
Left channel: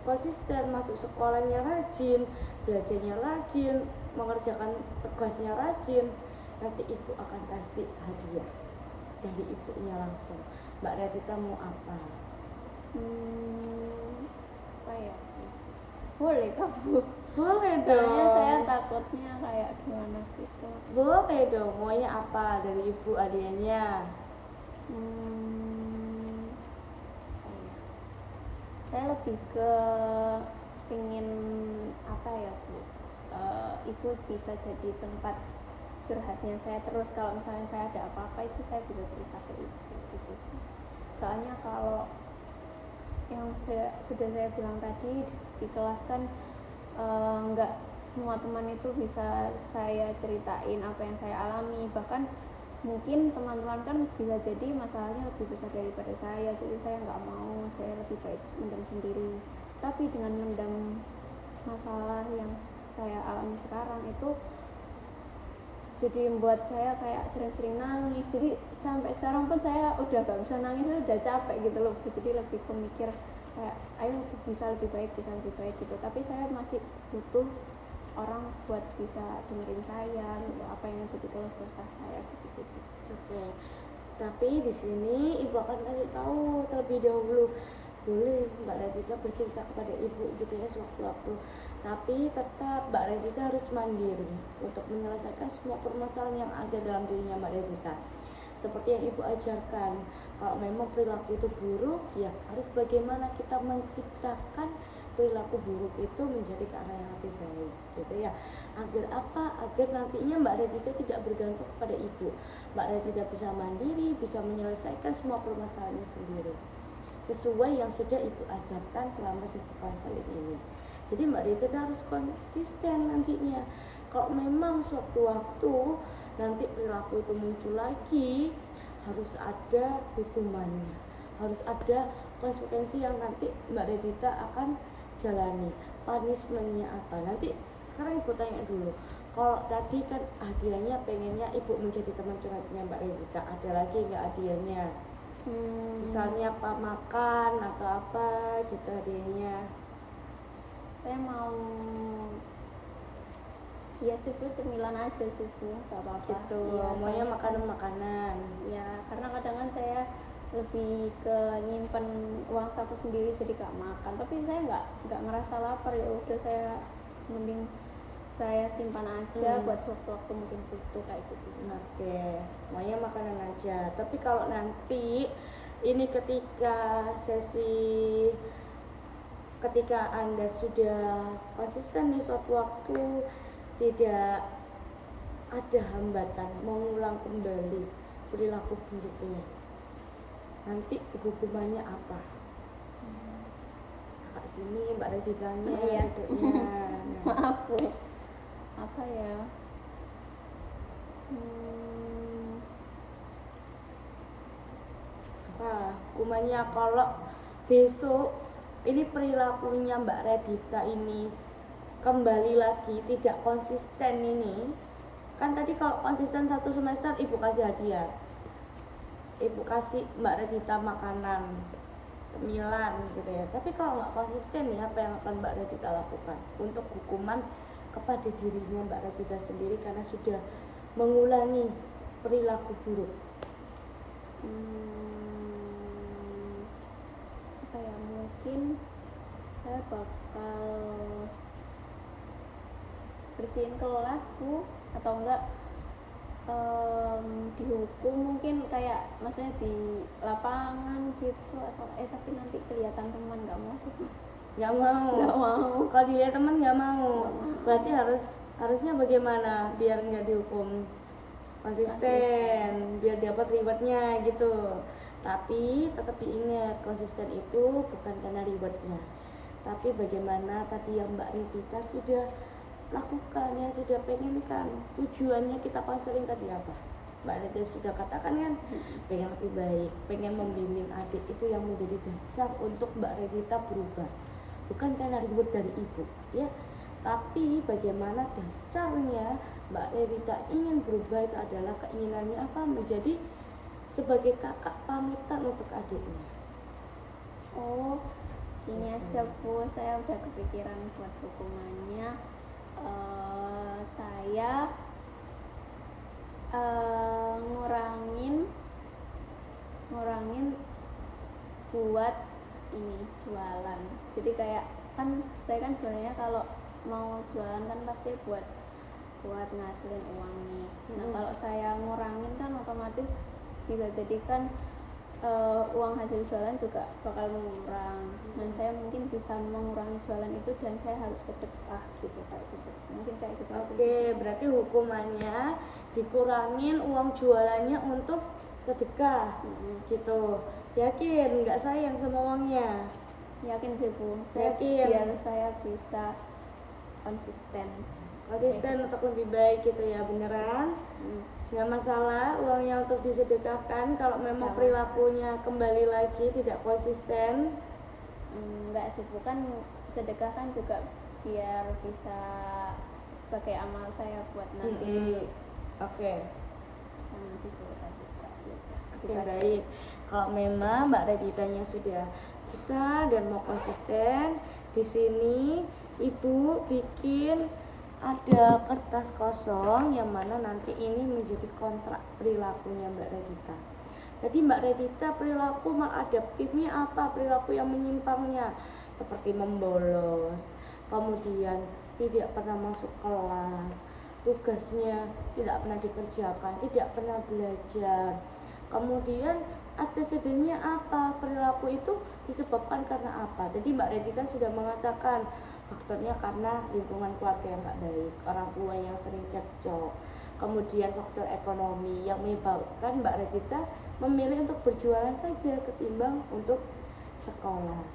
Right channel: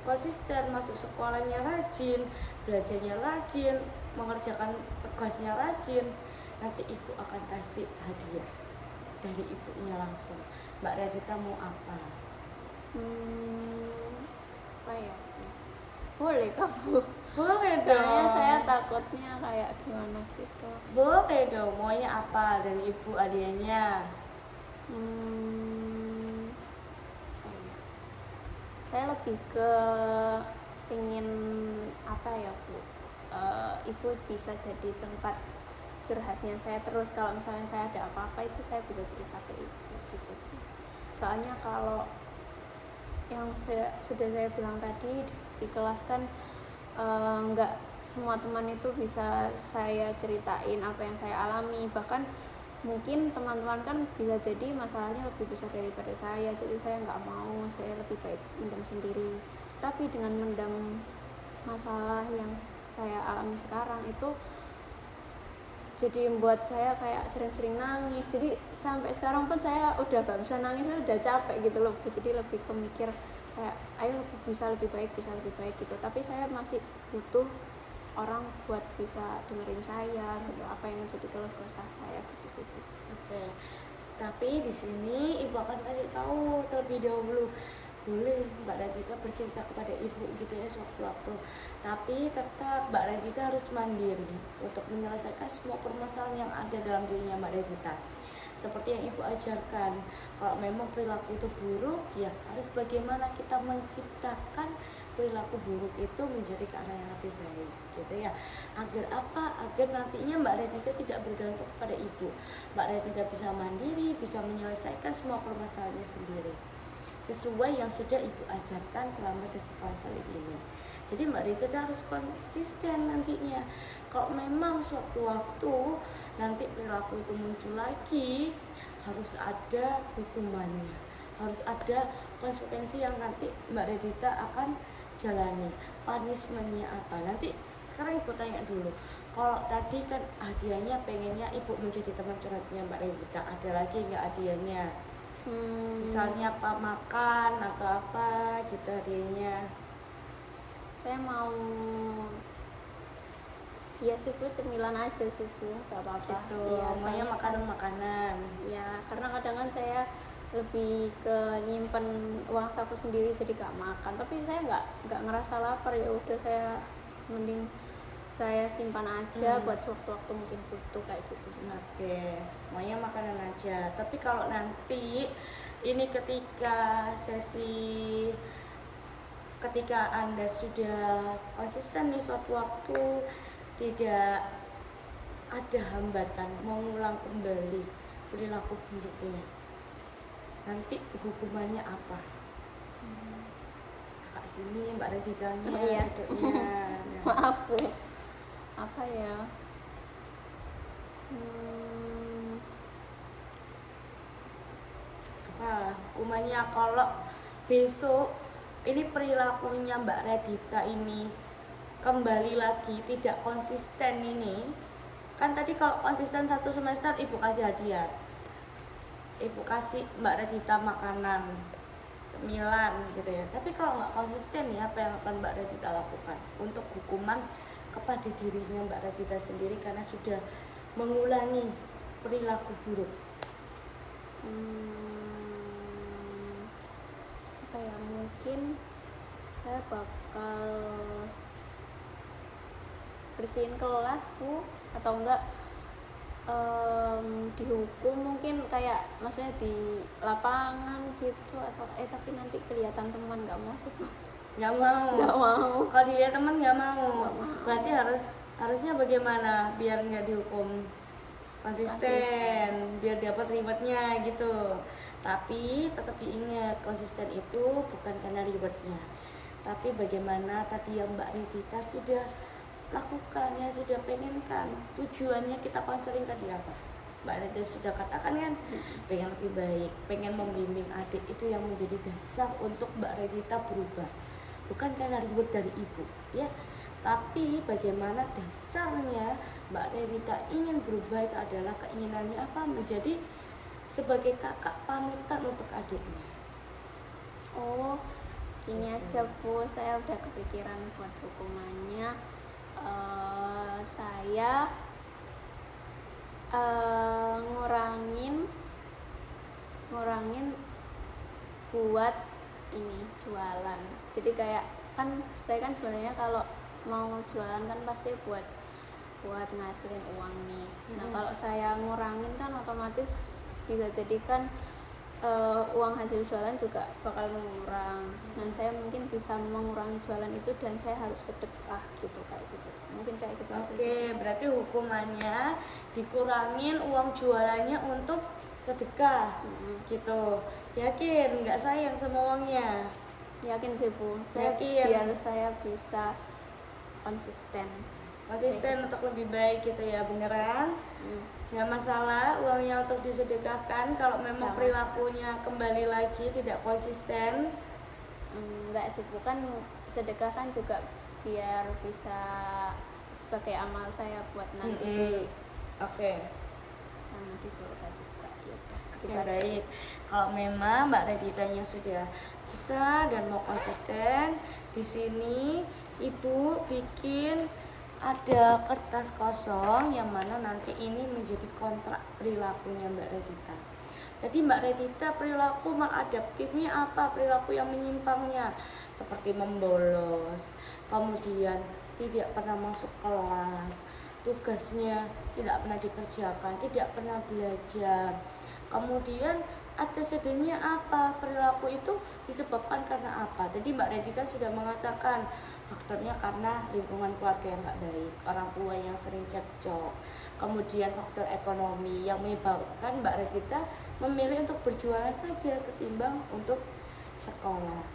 konsisten, masuk sekolahnya rajin, belajarnya rajin, mengerjakan tugasnya rajin, nanti ibu akan kasih hadiah dari ibunya langsung. Mbak Radita mau apa? Apa ya? Boleh kamu? Boleh Soalnya dong. saya takutnya kayak gimana gitu. Boleh dong. Maunya apa dari ibu hadiahnya? Saya lebih ke pengen apa ya Bu, ibu bisa jadi tempat curhatnya saya terus. Kalau misalnya saya ada apa-apa itu saya bisa cerita ke ibu gitu sih. Soalnya kalau yang sudah saya bilang tadi di kelas kan nggak semua teman itu bisa saya ceritain apa yang saya alami, bahkan mungkin teman-teman kan bisa jadi masalahnya lebih besar daripada saya, jadi saya nggak mau, saya lebih baik mendam sendiri. Tapi dengan mendam masalah yang saya alami sekarang itu jadi membuat saya kayak sering-sering nangis, jadi sampai sekarang pun saya udah gak bisa nangis, udah capek gitu loh. Jadi lebih ke mikir kayak ayo bisa lebih baik gitu, tapi saya masih butuh orang buat bisa dengerin saya gitu, apa yang jadi keluh kesah saya gitu sih. Oke. Tapi di sini ibu akan kasih tahu terlebih dahulu. Boleh Mbak Radita bercerita kepada ibu gitu ya sewaktu-waktu. Tapi tetap Mbak Radita harus mandiri untuk menyelesaikan semua permasalahan yang ada dalam dirinya Mbak Radita. Seperti yang ibu ajarkan, kalau memang perilaku itu buruk, ya harus bagaimana kita menciptakan perilaku buruk itu menjadi ke arah yang lebih baik gitu ya. Agar apa? Agar nantinya Mbak Radita tidak bergantung kepada ibu. Mbak Radita bisa mandiri, bisa menyelesaikan semua permasalahannya sendiri sesuai yang sudah ibu ajarkan selama sesi konseling ini. Jadi Mbak Radita harus konsisten nantinya. Kalau memang suatu waktu nanti perilaku itu muncul lagi, harus ada hukumannya, harus ada konsekuensi yang nanti Mbak Radita akan jalani. Punishmentnya apa? Nanti sekarang ibu tanya dulu. Kalau tadi kan hadiahnya pengennya ibu menjadi teman curhatnya Mbak Radita, ada lagi nggak hadiahnya? Misalnya apa, makan atau apa gitu hadiahnya? Saya mau ya sih Bu, cemilan aja sih Bu, gak apa-apa Gitu, ya, maunya soalnya makanan-makanan. ya karena kadang kan saya lebih ke nyimpen uang saku sendiri jadi gak makan, tapi saya nggak ngerasa lapar, ya udah saya mending saya simpan aja buat sewaktu-waktu mungkin butuh kayak gitu sih. Oke, maunya makanan aja. Tapi kalau nanti ini ketika Anda sudah konsisten nih suatu waktu, tidak ada hambatan mengulang kembali perilaku buruknya, nanti hukumannya apa? Kak sini Mbak Raditanya Iya. duduknya. Nah, Maaf Bu, apa ya, apa hukumannya kalau besok ini perilakunya Mbak Radita ini kembali lagi tidak konsisten ini, kan tadi kalau konsisten 1 semester ibu kasih hadiah, ibu kasih Mbak Radita makanan, cemilan gitu ya. Tapi kalau nggak konsisten ya, apa yang akan Mbak Radita lakukan untuk hukuman kepada dirinya Mbak Radita sendiri karena sudah mengulangi perilaku buruk? apa ya, mungkin saya bakal bersihin kelas Bu, atau enggak dihukum mungkin kayak maksudnya di lapangan gitu, atau tapi nanti kelihatan teman, nggak mau sih Bu. Nggak mau. Nggak mau. Kalau dilihat teman nggak mau. Nggak mau. Berarti harusnya bagaimana biar nggak dihukum? konsisten biar dapat rewardnya gitu. Tapi tetap diingat, konsisten itu bukan karena rewardnya, tapi bagaimana tadi yang Mbak Redita sudah lakukan, ya sudah pengen kan, tujuannya kita konseling tadi apa Mbak Redita sudah katakan kan, pengen lebih baik, pengen membimbing adik, itu yang menjadi dasar untuk Mbak Redita berubah, bukan karena reward dari ibu ya, tapi bagaimana dasarnya Mbak Redita ingin berubah itu adalah keinginannya apa, menjadi sebagai kakak panutan untuk adiknya. Oh, gini aja Bu, saya udah kepikiran buat hukumannya. Saya ngurangin buat ini jualan. Jadi kayak kan saya kan sebenarnya kalau mau jualan kan pasti buat ngasilin uang nih. Nah kalau saya ngurangin kan otomatis bisa jadi kan uang hasil jualan juga bakal mengurang. Nah saya mungkin bisa mengurangi jualan itu dan saya harus sedekah gitu, kayak gitu. Mungkin kayak gitu aja. Oke, berarti hukumannya dikurangin uang jualannya untuk sedekah gitu. Yakin nggak sayang sama uangnya? Yakin sih Bu. Yakin. Biar saya bisa konsisten Untuk lebih baik gitu ya, beneran? Nggak masalah uangnya untuk disedekahkan kalau memang perilakunya kembali lagi tidak konsisten. Enggak sih, bukan sedekah kan juga biar bisa sebagai amal saya buat nanti Oke. sama di surga juga gitu. Oke, baik. Kalau memang Mbak Reditanya sudah bisa dan mau konsisten, di sini Ibu bikin ada kertas kosong yang mana nanti ini menjadi kontrak perilakunya Mbak Redita. Jadi Mbak Redita perilaku maladaptifnya apa? Perilaku yang menyimpangnya seperti membolos, kemudian tidak pernah masuk kelas, tugasnya tidak pernah dikerjakan, tidak pernah belajar. Kemudian antecedentnya apa? Perilaku itu disebabkan karena apa? Jadi Mbak Redita sudah mengatakan faktornya karena lingkungan keluarga yang gak baik, orang tua yang sering cekcok, kemudian faktor ekonomi yang menyebabkan Mbak Redita memilih untuk berjualan saja ketimbang untuk sekolah.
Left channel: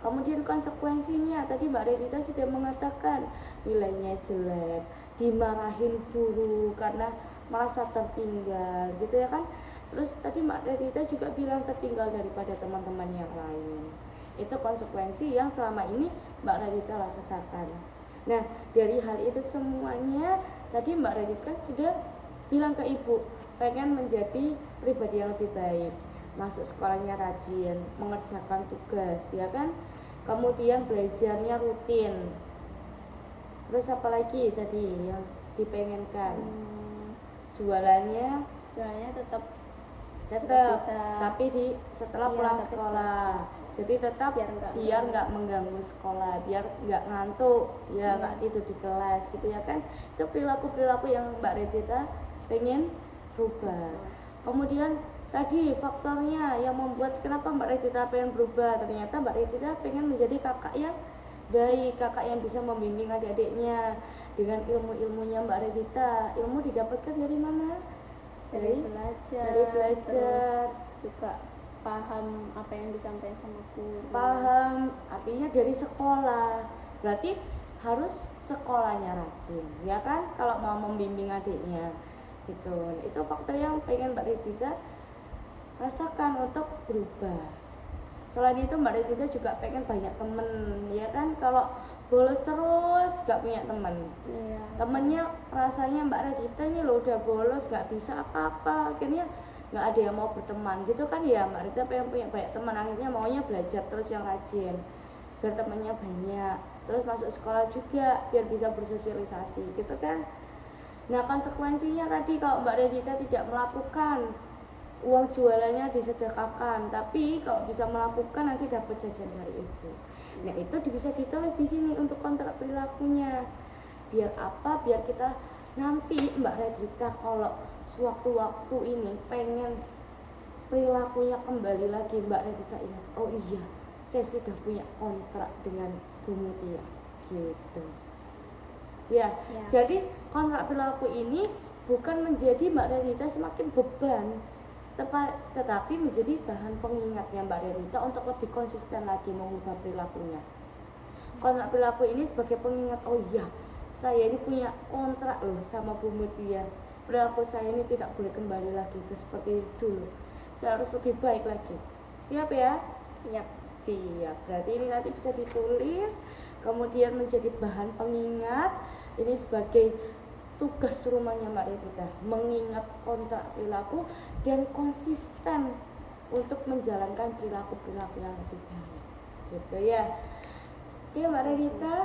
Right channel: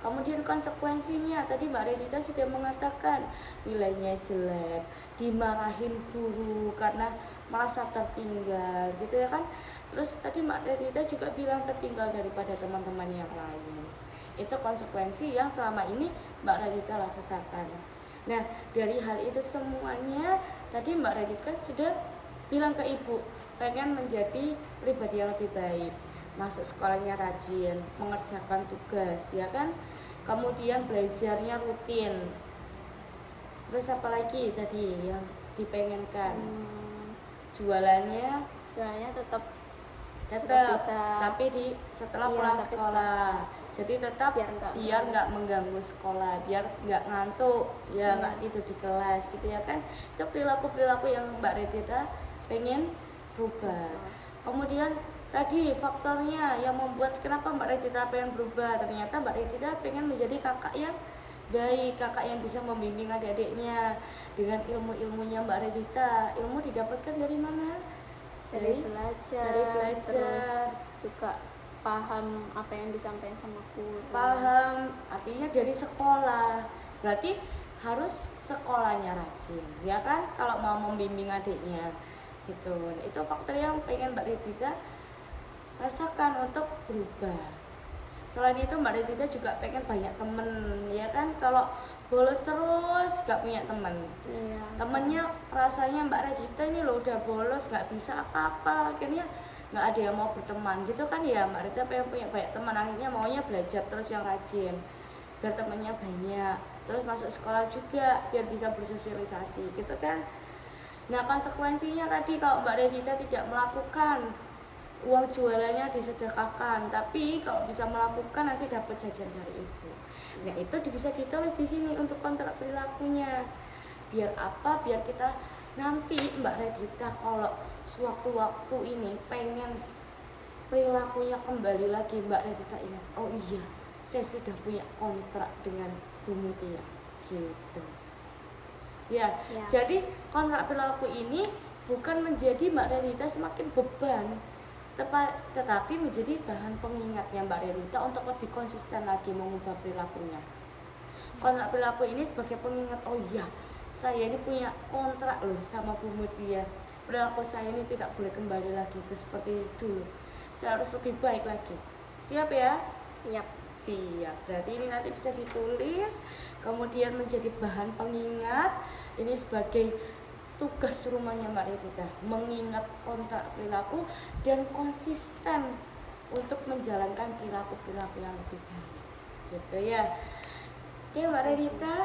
Kemudian konsekuensinya tadi Mbak Redita sudah mengatakan nilainya jelek, dimarahin guru karena merasa tertinggal gitu ya kan. Terus tadi Mbak Redita juga bilang tertinggal daripada teman-teman yang lain. Itu konsekuensi yang selama ini Mbak Redita rasakan. Nah dari hal itu semuanya tadi Mbak Redita sudah bilang ke ibu pengen menjadi pribadi yang lebih baik, masuk sekolahnya rajin, mengerjakan tugas ya kan, kemudian belajarnya rutin. Terus apa lagi tadi yang dipengenkan? Jualannya tetap bisa, tapi setelah pulang sekolah. Jadi tetap biar nggak mengganggu sekolah, biar nggak ngantuk, ya nggak tidur di kelas gitu ya kan. Itu perilaku yang Mbak Redita pengen berubah. Kemudian tadi faktornya yang membuat kenapa Mbak Redita pengen berubah, ternyata Mbak Redita pengen menjadi kakak yang baik, kakak yang bisa membimbing adik-adiknya dengan ilmu-ilmunya Mbak Redita. Ilmu didapatkan dari mana? Dari belajar, terus juga paham apa yang disampaikan sama guru. Paham, artinya dari sekolah. Berarti harus sekolahnya rajin, ya kan? Kalau mau membimbing adiknya, gitu. Nah, itu faktor yang pengen Mbak Redita rasakan untuk berubah. Selain itu Mbak Redita juga pengen banyak temen, ya kan? Kalau bolos terus gak punya temen, temennya rasanya Mbak Redita ini loh udah bolos gak bisa apa-apa, akhirnya nggak ada yang mau berteman gitu kan ya. Mbak Redita pengen punya banyak teman, akhirnya maunya belajar terus yang rajin biar temannya banyak, terus masuk sekolah juga biar bisa bersosialisasi gitu kan. Nah konsekuensinya tadi kalau Mbak Redita tidak melakukan, uang jualannya disedekahkan, tapi kalau bisa melakukan nanti dapat jajan dari ibu. Nah itu bisa ditulis di sini untuk kontrak perilakunya. Biar apa? Biar kita nanti Mbak Redita kalau sewaktu-waktu ini pengen perilakunya kembali lagi, Mbak Redita ingat, oh iya saya sudah punya kontrak dengan Bu Mutia gitu ya. Jadi kontrak perilaku ini bukan menjadi Mbak Renita semakin beban, tetapi menjadi bahan pengingatnya Mbak Renita untuk lebih konsisten lagi mengubah perilakunya. Kontrak perilaku ini sebagai pengingat, oh iya, saya ini punya kontrak loh sama Bu Mutia. Perilaku saya ini tidak boleh kembali lagi ke seperti dulu. Saya harus lebih baik lagi. Siap ya? Siap. Siap. Berarti ini nanti bisa ditulis, kemudian menjadi bahan pengingat. Ini sebagai tugas rumahnya Mbak Revita, mengingat kontrak perilaku dan konsisten untuk menjalankan perilaku-perilaku yang lebih baik. Gitu ya. Oke Mbak Revita,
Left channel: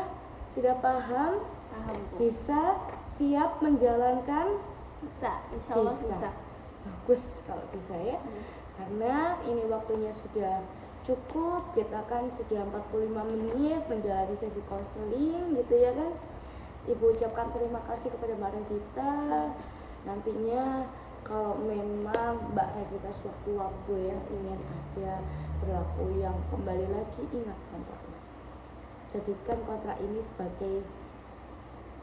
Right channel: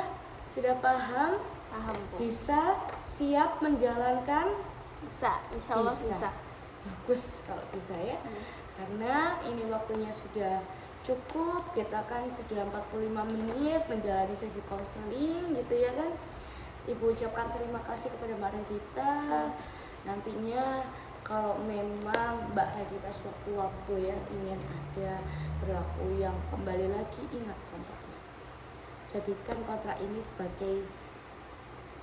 sudah paham? Paham, Bu. Bisa siap menjalankan? Bisa, insya Allah bisa. Bagus kalau bisa ya. Karena ini waktunya sudah cukup, kita kan sudah 45 menit menjalani sesi konseling gitu ya kan. Ibu ucapkan terima kasih kepada Mbak Revita. Nantinya kalau memang Mbak Revita sewaktu-waktu ya ingin ada perilaku yang kembali lagi, ingat kontraknya. Jadikan kontrak ini sebagai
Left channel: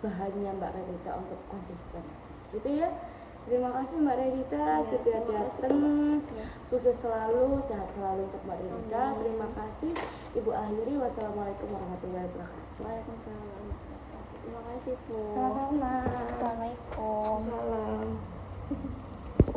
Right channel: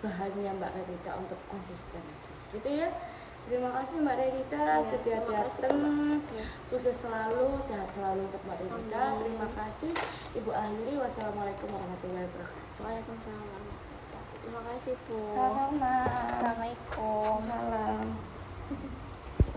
bahannya Mbak Revita untuk konsisten, gitu ya. Terima kasih Mbak Revita sudah datang. Sukses selalu, sehat selalu untuk Mbak Revita. Terima kasih. Ibu akhiri, wassalamualaikum warahmatullahi wabarakatuh. Waalaikumsalam warahmatullahi wabarakatuh. Terima kasih, Bu. Sama-sama. Assalamualaikum. Salam.